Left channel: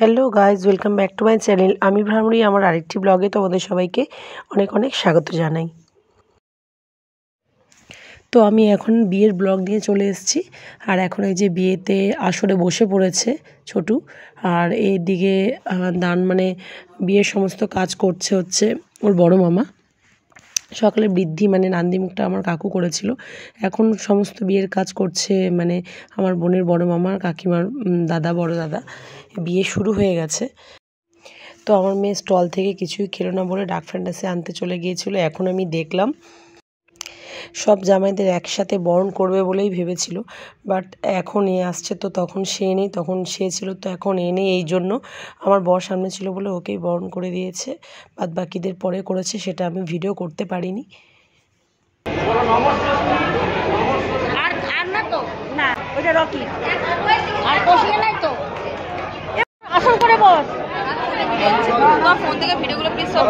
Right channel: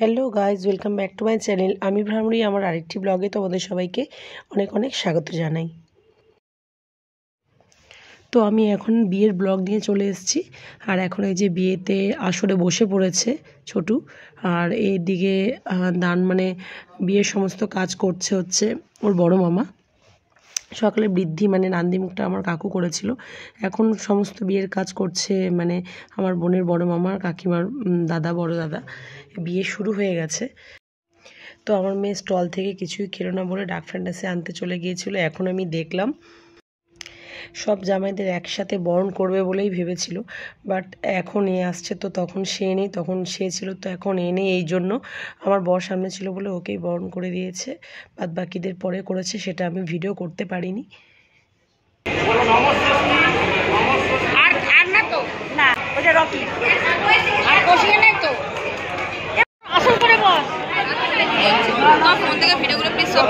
Hello guys, welcome back to my channel. আমি ভ্রামরী। আমার আরেকটি ব্লগে তোমাদের সবাইকে অনেক অনেক স্বাগত জানাই। তো আমি এখন বিয়ের ব্লগ নিয়ে চলে এসেছি। আর এখন এই যে বিয়েতে আসরে বসে পড়েছে ছোটু, আর এদিকে দান মানে বিয়ের সমস্ত কাজ করছে হচ্ছে ওর বড় মামা। সকালে বৃদ্ধি মানে নান্দিমুখটা আমার কাকু করেছিল, এখন সমস্ত বিয়ের কাজ করছে মানে আমার বোনের বড় মামার কাকিমার দাদা, বড় দাদা। বিয়ে শুরু হয়ে গেছে। তো আমার মেয়ে স্টল থেকে কিছুই খেলো না বলে ডার্ক ফ্যান্টাসি আনতে চলে গিয়েছিল। এখন আমি দেখলাম সব জামাইদের একসাথে বরণ করবে বলেই ভেবেছিল, বাট এখন এ আসছে তো তখন সে নেই, তখন সে ছিল তো এখন এ নেই। এই জন্য আমার বর সামনে ছিল বলে ওকেই বরণ করে দিয়েছে, বাদ বাকিদের পরে করেছে, সেটা আমি ভিডিও করতে পারিনি। ফোন থেকে ভিডিওগুলো প্লিজ সব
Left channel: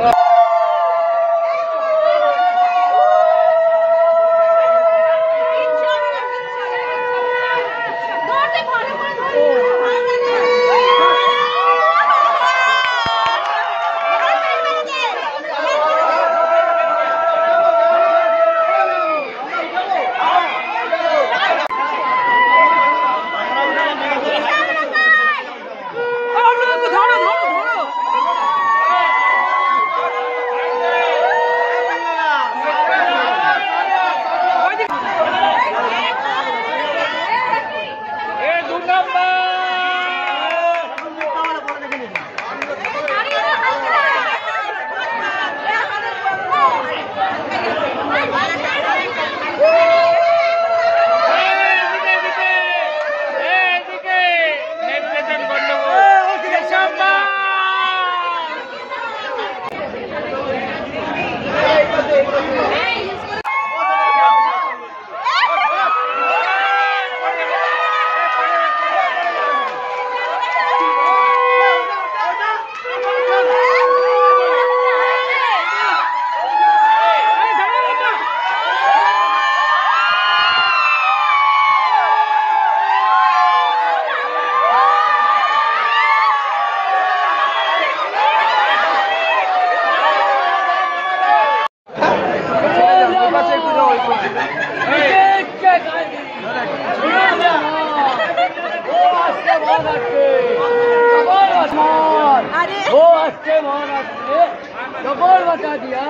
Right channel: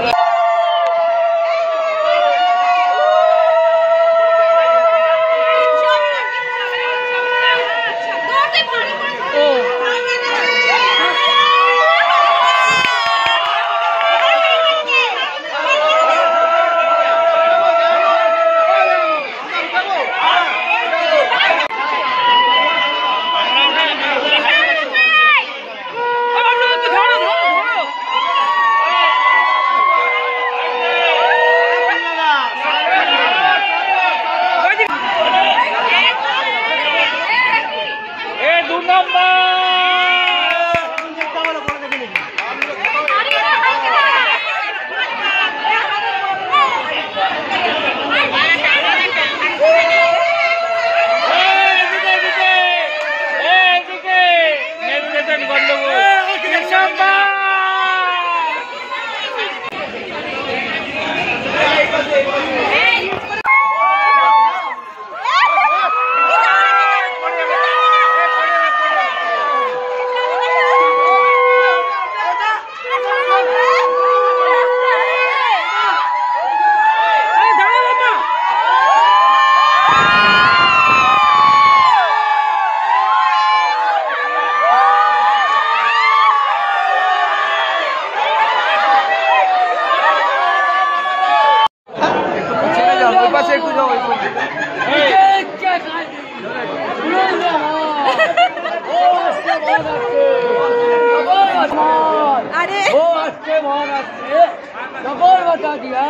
बता दिया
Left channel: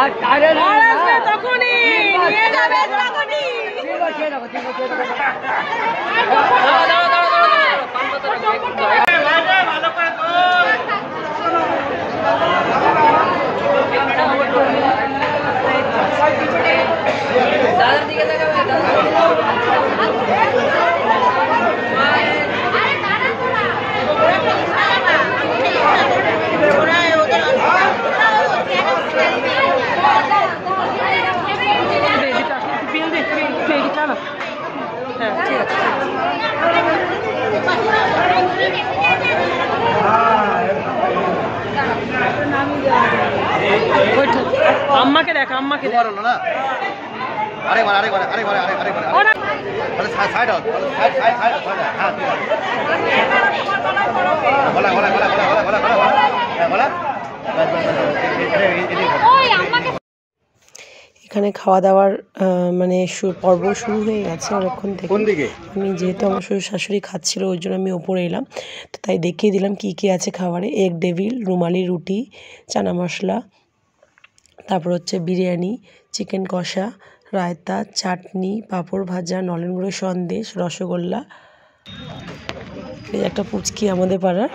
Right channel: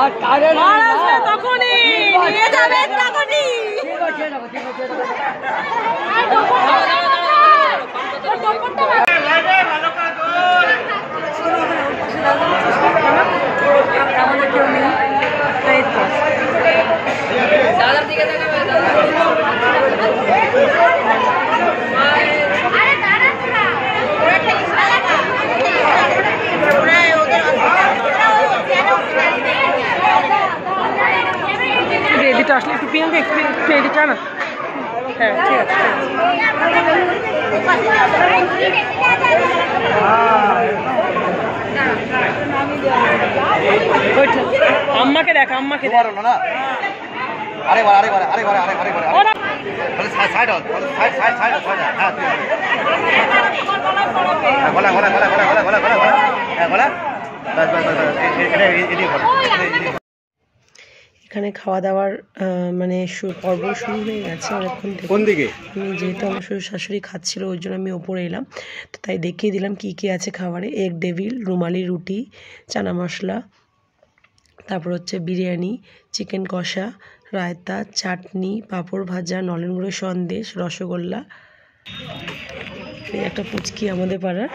आज तारे दादार दिखे এদিকে আসলে একটু পিছন দিয়ে এদিকে আনা। হ্যাঁ, ঠিক আছে। আম্মাকে দেখ, আম্মাকে দেখ না। আরেকবার আরেকবার আরেকবার আরেকবার সাইড সাইড সাইড সাইড হ্যাঁ, বলা বলা বলা বলা বলা বলা বলা হ্যাঁ বলা। এখানে খাওয়া দাওয়ার মানে পর্ব শুরু হয়ে গেছে অনেকক্ষণ থেকে। আমি যেহেতু আমার শ্বশুর শাশুড়ি খাচ্ছিল ওই জন্য আমি ওপরে এলাম, তো তাই দেখিয়ে দিলাম কী কী আছে খাবারে। এগ ডেভিল, রুমালি রুটি, চানা মশলা, তারপর হচ্ছে বিরিয়ানি, চিকেন কষা, রায়তা, চাটনি, পাঁপড় ভাজা, নলেন গুঁড়ো সন্দেশ, রসগোল্লা, এই একটা পুচকি আমাদের পাড়ার।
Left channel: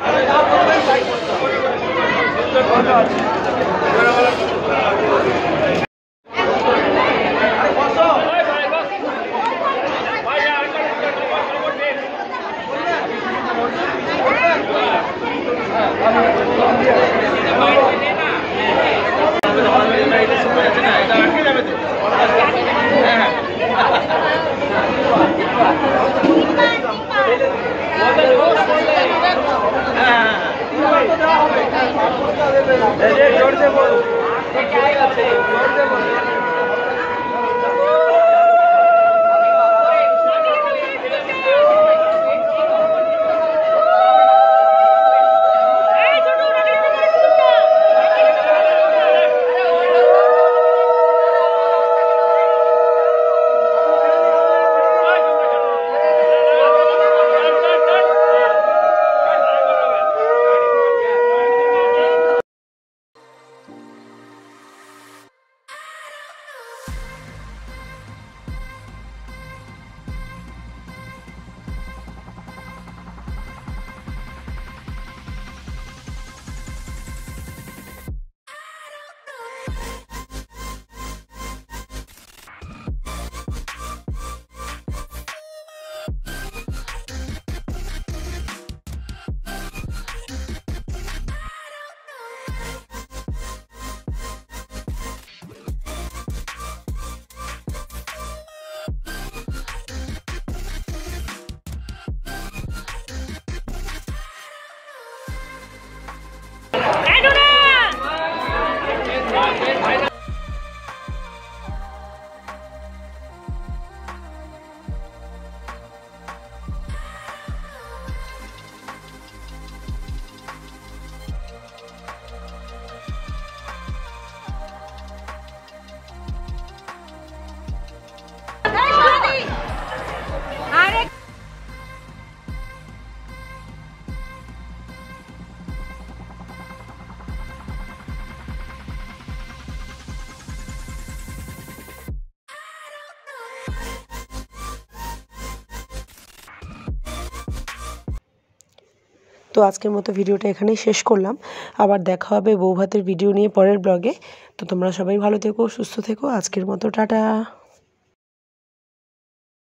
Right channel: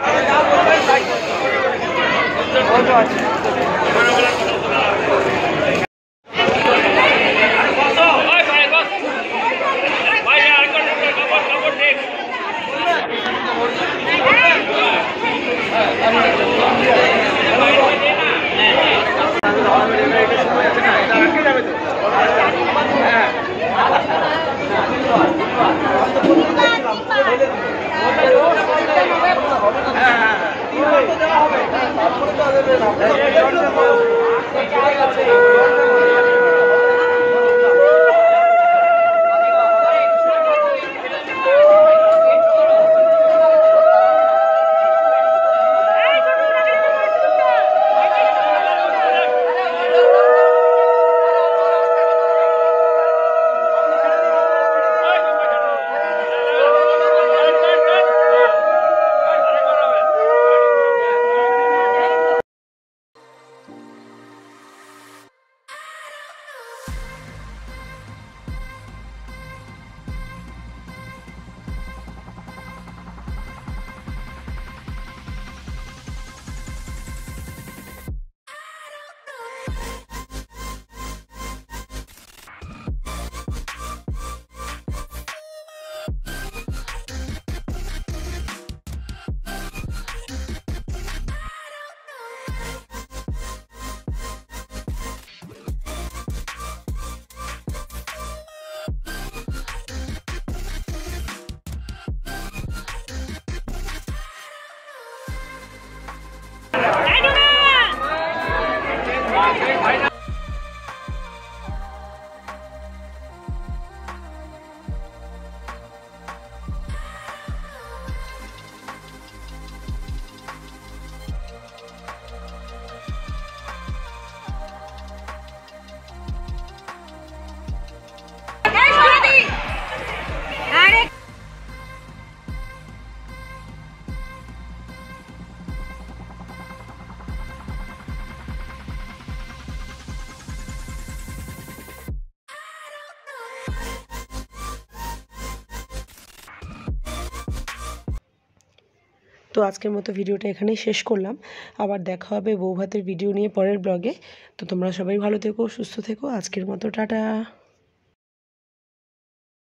তো আজকের মতো ভিডিওটা এখানেই শেষ করলাম। আবার দেখা হবে বউ ভাতের ভিডিও নিয়ে পরের ব্লগে। তো তোমরা সবাই ভালো থেকো, সুস্থ থেকো। আজকের মতো টাটা।